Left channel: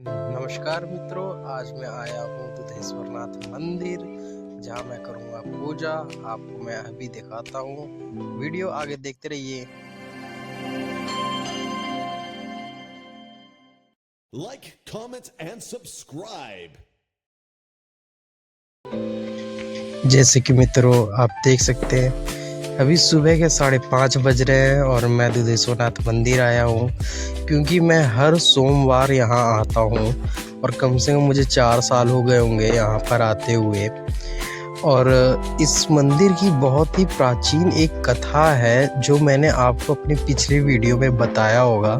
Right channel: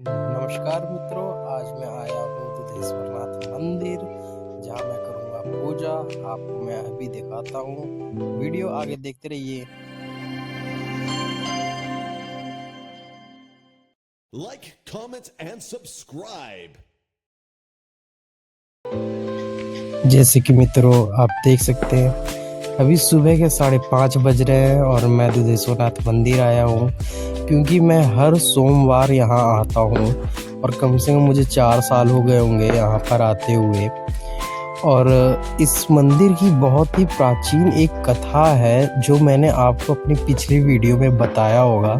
नमस्कार मित्रों, आज मैं आया हूँ दुधेश्वरनाथ मंदिर, जहाँ मैं करूँगा पूजा। आपको मैं अभी दिखाता हूँ, वीडियो आगे देखते रहिए। Like, comment, and subscribe. जैसे कि मित्रों आप देख सकते हैं, अभी सुबह के 5:30 बज रहे हैं और मैं दुधेश्वरनाथ मंदिर आया हूँ, क्योंकि मैं हर सोमवार यहाँ आता हूँ और कम से कम मुझे 4 साल हो गए होंगे यहाँ पर आते हुए। और इस मंदिर की बहुत ही प्राचीन एक कथा है, जो मैंने आपको अपनी पिछली वीडियो में बताया होगा।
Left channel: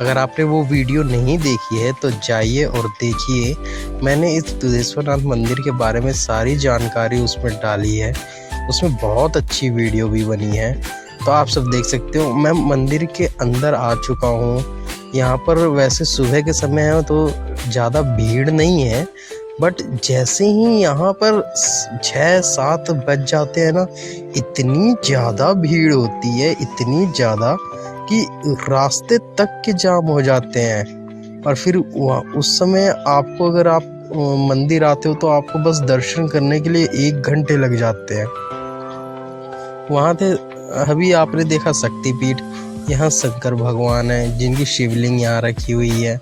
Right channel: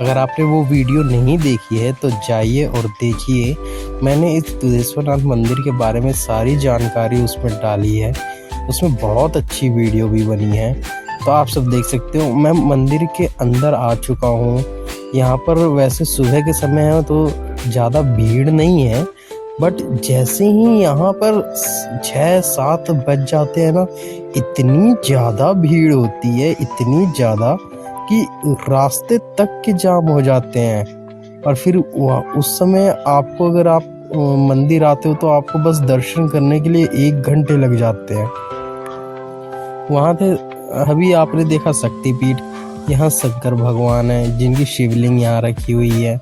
अगर आपने वो वीडियो नहीं देखी है तो जाइए और देखिए। मैंने इस दुधेश्वरनाथ मंदिर के बारे में सारी जानकारी उसमें डाली है, उसमें बहुत अच्छी वीडियो भी बनी है, तो आप सब देख सकते हो। मैं मंदिर के अंदर आ चुका हूँ। यहाँ पर वैसे सुबह के समय है तो ज़्यादा भीड़ नहीं है, बट जैसे ही यहाँ पर 6-7 बज जाते हैं ना, इतनी ज़्यादा भीड़ होती है, इतनी ज़्यादा कि रास्ते तक के जाम हो जाते हैं। और फिर उस समय आपको, अगर आप मंदिर आते हो तो आपको बस दर्शन करने के लिए 1 घंटे लग जाते हैं। वहाँ थे, अभी आपने देखा शक्तिपीठ, यहाँ शंकर भगवान है जिनकी शिवलिंग यहाँ रखी हुई है,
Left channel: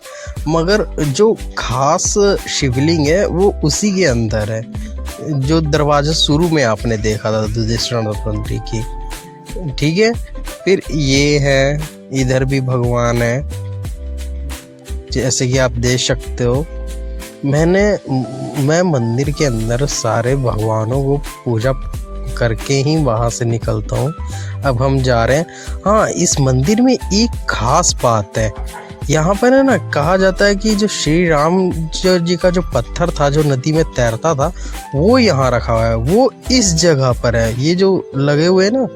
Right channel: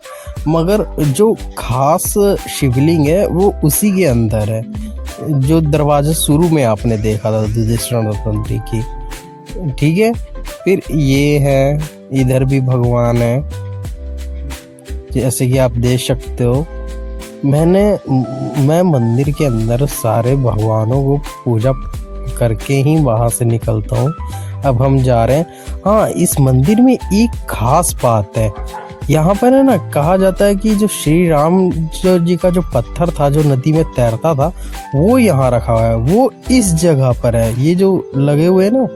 मगर जो खास शिवलिंग है वो उसी के अंदर है, जो दरवाजा शुरू में आपने देखा था दुधेश्वरनाथ मंदिर की। ठीक है, फिर ये है, इधर भी भगवान है, जैसे कि आप देख सकते हो। मैं मंदिर के अंदर सारे भगवानों को पूजा करके ही वहाँ से निकलता हूँ। अब हम जा रहे हैं। हाँ, इस मंदिर में एक खास बात है, यहाँ पर है ना, कहा जाता है कि जो श्री राम जी का जो पत्थर था जो नदी में तैरता था, वो यहाँ रखा हुआ है, वो इस जगह पर है। ये जो लगे हुए हैं ना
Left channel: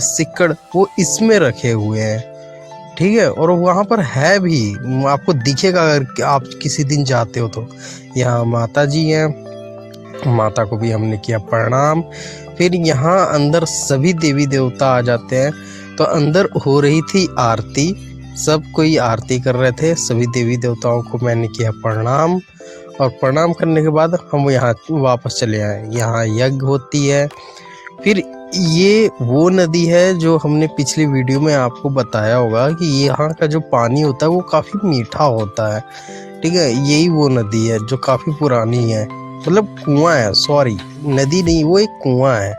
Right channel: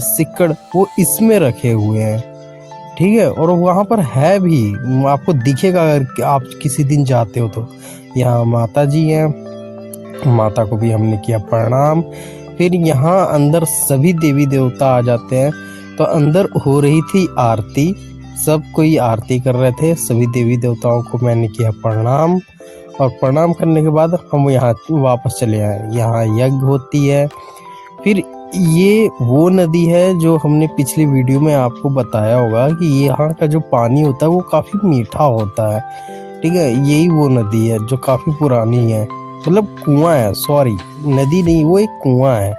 सिक्कड़, वो इसमें रखे हुए हैं। ठीक है, और वहाँ पर है भी, आपको दिखेगा अगर आप किसी दिन जाते हो तो। यहाँ माता जी हैं, माता को भी हमने किया प्रणाम। फिर यहाँ अंदर सभी देवी देवता आ जाते हैं, तो अंदर हो रही थी आरती, सब कोई आरती कर रहे थे, सभी देवी देवताओं को मैंने किया प्रणाम। और प्रणाम करने के बाद हम यहाँ वापस चले आए। यहाँ यज्ञ होती है। फिर ये वो नदी है जो हमने पिछली वीडियो में आपको बताया होगा कि यहाँ का जो पानी होता है वो काफ़ी मीठा होता है। ठीक है, यही वो नदी है जो काफ़ी पुरानी है, मतलब कुआं है, सॉरी नदी नहीं, वो एक कुआं है।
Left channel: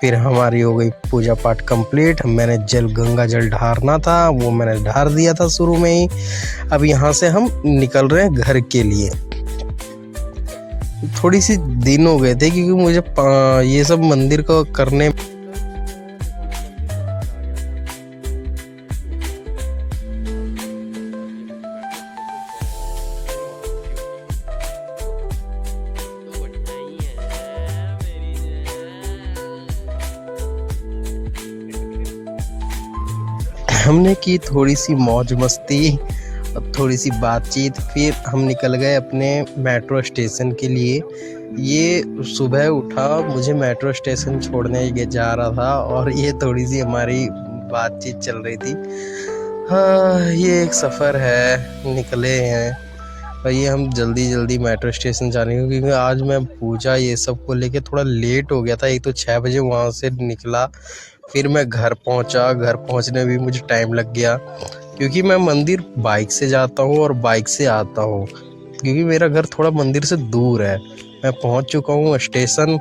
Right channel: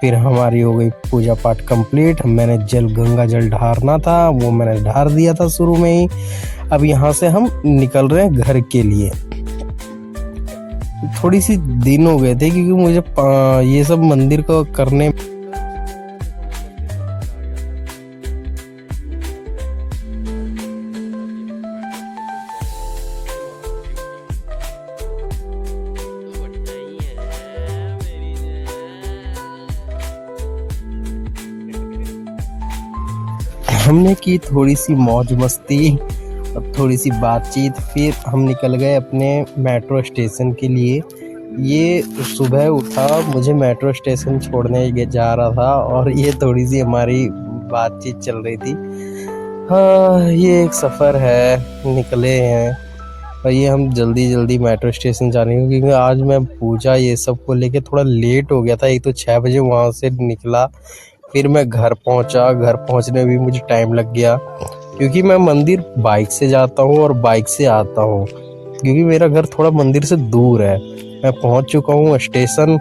फिर हमारी हो गई पूजा पाठ कंप्लीट। मैंने गंगा जल ढारना था, वो मैंने ढार दिया था शुरू में ही। अब यहाँ से हम निकल रहे हैं घर के लिए। थोड़ी सी दिन हो गए थे क्योंकि मुझे ये सब मंदिर को करने हमने की थोड़ी सी मौज मस्ती, थोड़ी सी बातचीत। फिर हम निकल गए अपने मेट्रो स्टेशन के लिए। ये सुबह उठा, मुझे मेट्रो स्टेशन छोड़ने जा रहा था और ये थोड़ी सी हमारी बातचीत चल रही थी। हाँ, ये एक सफ़र है, निकले हैं और ये हम जल्दी मेट्रो स्टेशन जाने, क्योंकि आज मैं पूजा ये सब को लेके थोड़ा लेट हो गया था। एक तो 6 बजे वहाँ से निकला, फिर मैं घर पहुंचा। घर पहुंचने में भी मुझे टाइम लग गया, क्योंकि मैं मंदिर बाइक से जाता हूं और बाइक से आता हूं, क्योंकि मेरा घर थोड़ा मंदिर से दूर है। मैं पहुंच चुका हूं स्टेशन,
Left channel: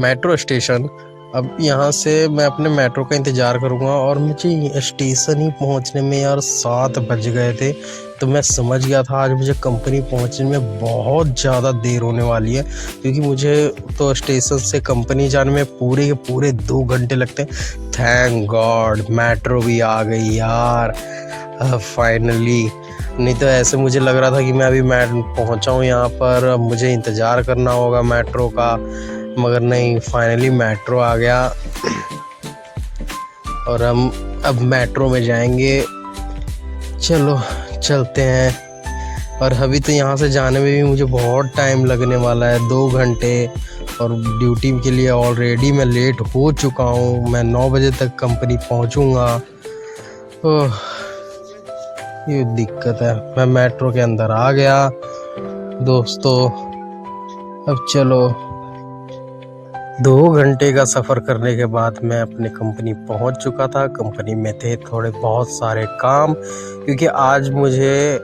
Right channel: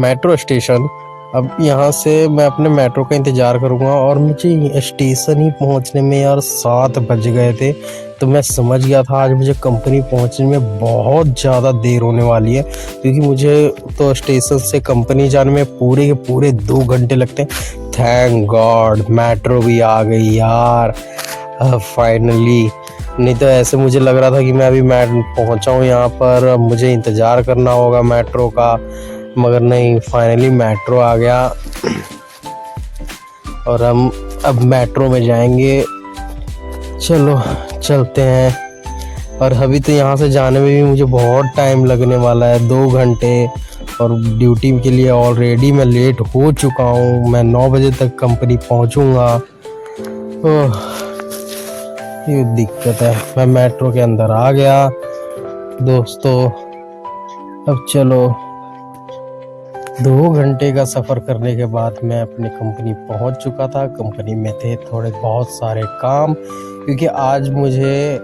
मेट्रो स्टेशन। अब यहाँ से मैं अपने मेट्रो का इंतज़ार करूँगा, और मुझे स्टेशन ही पहुँचने में यार 7 बज गए थे। तो मैं समझ गया था आज मुझे कंपनी पहुँचने में बहुत ज़्यादा देर होने वाली है, क्योंकि मुझे तो स्टेशन से कंपनी जाने में पूरे के पूरे 2 घंटे लगते हैं। थैंक गॉड मेट्रो भी आ गई यार, फाइनली। नहीं तो ऐसे मुझे लग रहा था कि मैं अभी पहुँचा हूँ यहाँ पर, मुझे इंतज़ार करना होगा मेट्रो का, मगर नहीं, फाइनली मेट्रो आ गया और हम अब मेट्रो में जाएंगे। चलो चलते हैं। और अभी तो यहाँ से जाने में भी मुझे बहुत टाइम लगने वाला है, 2 घंटे, और ड्यूटी के लिए ऑलरेडी मैं लेट हो चुका हूँ। मैं 9 बजे तक कंपनी पहुँचूँगा। ये दिक्कत है। मैं मेट्रो के अंदर आ गया दोस्तों। अब चलो 2 घंटे का सफ़र करने के बाद मैं अपनी कंपनी पहुंच चुका था। कंपनी में थे थोड़े बहुत सारे काम, क्योंकि आज मुझे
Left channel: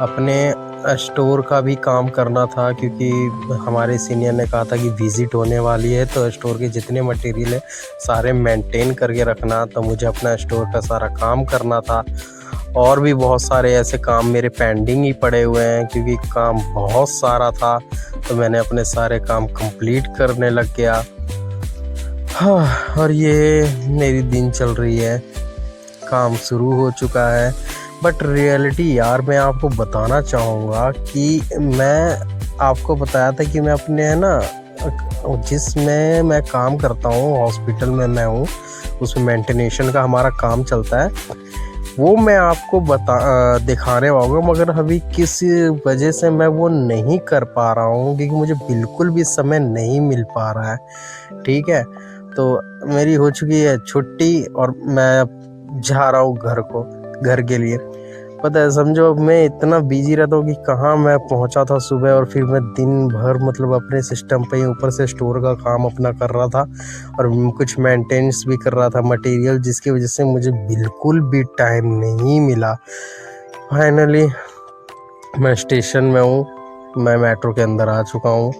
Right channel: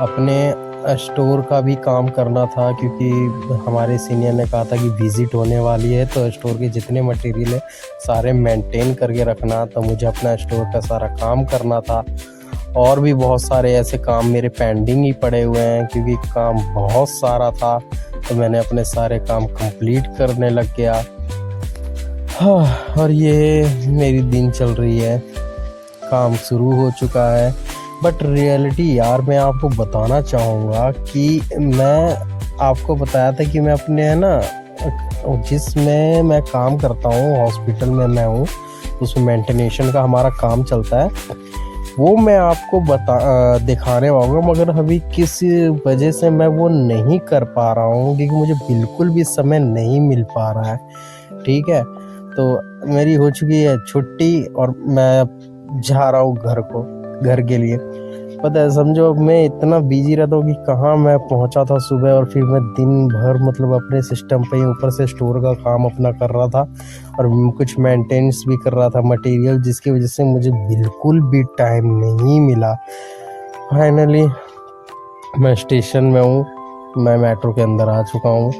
अपने स्टोर का भी काम करना था, क्योंकि हमारे सीनियर ने कहा था कि विज़िट होने वाली है, तो स्टोर के जितने मटेरियल है सारे मेंटेन करके रखना। तो मुझे अपना स्टोर का सारा काम करना था, और भी बहुत सारे ऐसे काम मेरे पेंडिंग ही पड़े हुए हैं, क्योंकि काम बहुत सारा था। तो मैंने अपने सारे काम कंप्लीट करने लग गया। हाँ, और ये मेरी दिन चल रही है, काम शुरू हो चुका है। बट रियलिटी यार मैं आपको बताना चाहूँगा कि मैं आपको बताया था कि मैं अपने है ना जिसमें मैं काम करता हूँ, हॉस्पिटल में मैं हूँ, उसमें मेंटेनेशन का हमारा काम चलता है। वो मैं आपको दिखाने वाला, मगर अभी किस वजह से मैं वो नहीं कर पा रहा हूँ, क्योंकि मुझे बिल्कुल भी समय नहीं मिल पा रहा है। ठीक है, तो मेरी हो चुकी है छुट्टी और मैं जा रहा हूँ घर के लिए। पता है, समझो मैं इतना बिजी रहता हूँ कि कहाँ मैं पहुँचा था सुबह, और फिर मैं दिन भर मतलब अपने सिस्टम पे ही ऊपर से स्टोर का काम अपना कर रहा था, और कुछ मेंटेनेंस भी कर रहा था मटेरियल, जिसकी वजह से मुझे बिल्कुल भी टाइम नहीं मिला। फाइनली मैं स्टेशन में हूँ, मैं मेट्रो के अंदर आ चुका हूँ,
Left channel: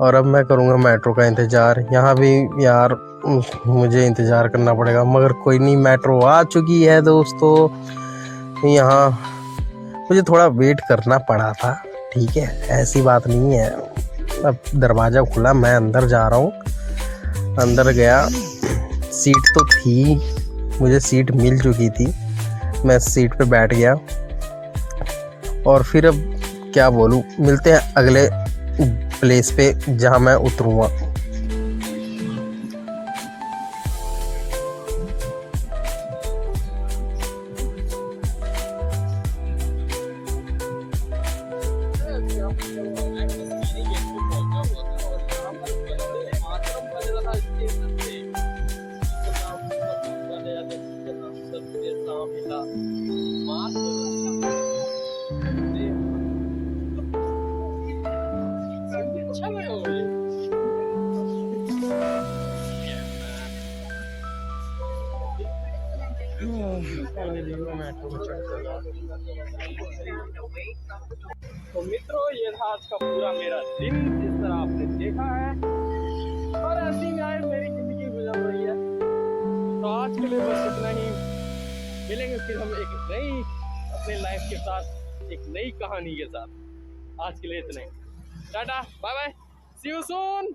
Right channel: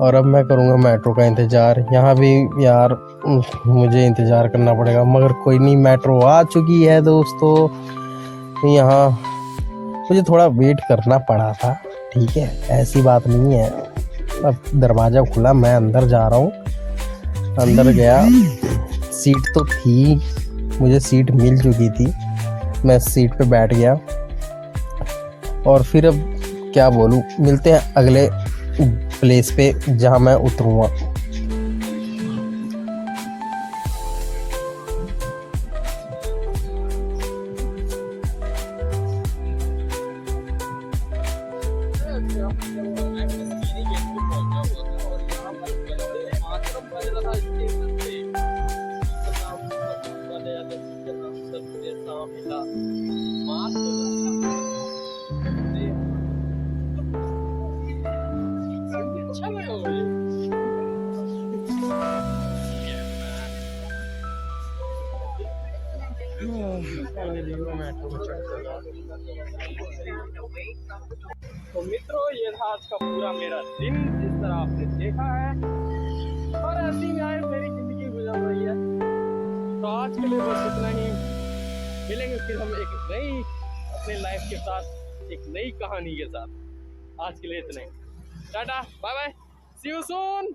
और अब मैं करूँगा मेट्रो का इंतज़ार। यहाँ भी यार मुझे इंतज़ार करना पड़ेगा, मगर कोई नहीं, मेट्रो आ चुकी है दोस्तों। यहाँ मुझे थोड़ा वेट करना पड़ा था, ठीक है, ऐसी बात नहीं है। अब दरवाज़ा खुला, मैं अंदर जा रहा हूँ। अंदर गया, सीट तो थी, मुझे सीट मिल चुकी थी, मैं सीट पे बैठ गया। और फिर अब क्या बोलूँ, मिलते हैं अगले प्लेस पे जहाँ मैं उतरूँगा। तो मित्रों, ये था आज का पूरा मेरा दिन, जिस तरह आपने देखा है, और ऐसी गाय मेरी जिंदगी गुजर रही है। तो आज के लिए बस इतना ही। मिलेंगे फिर हम एक नई अपने लाइफ के साथ, एक नई कहानी के साथ। आज के लिए इतना ही। Tata, bye bye, see you soon.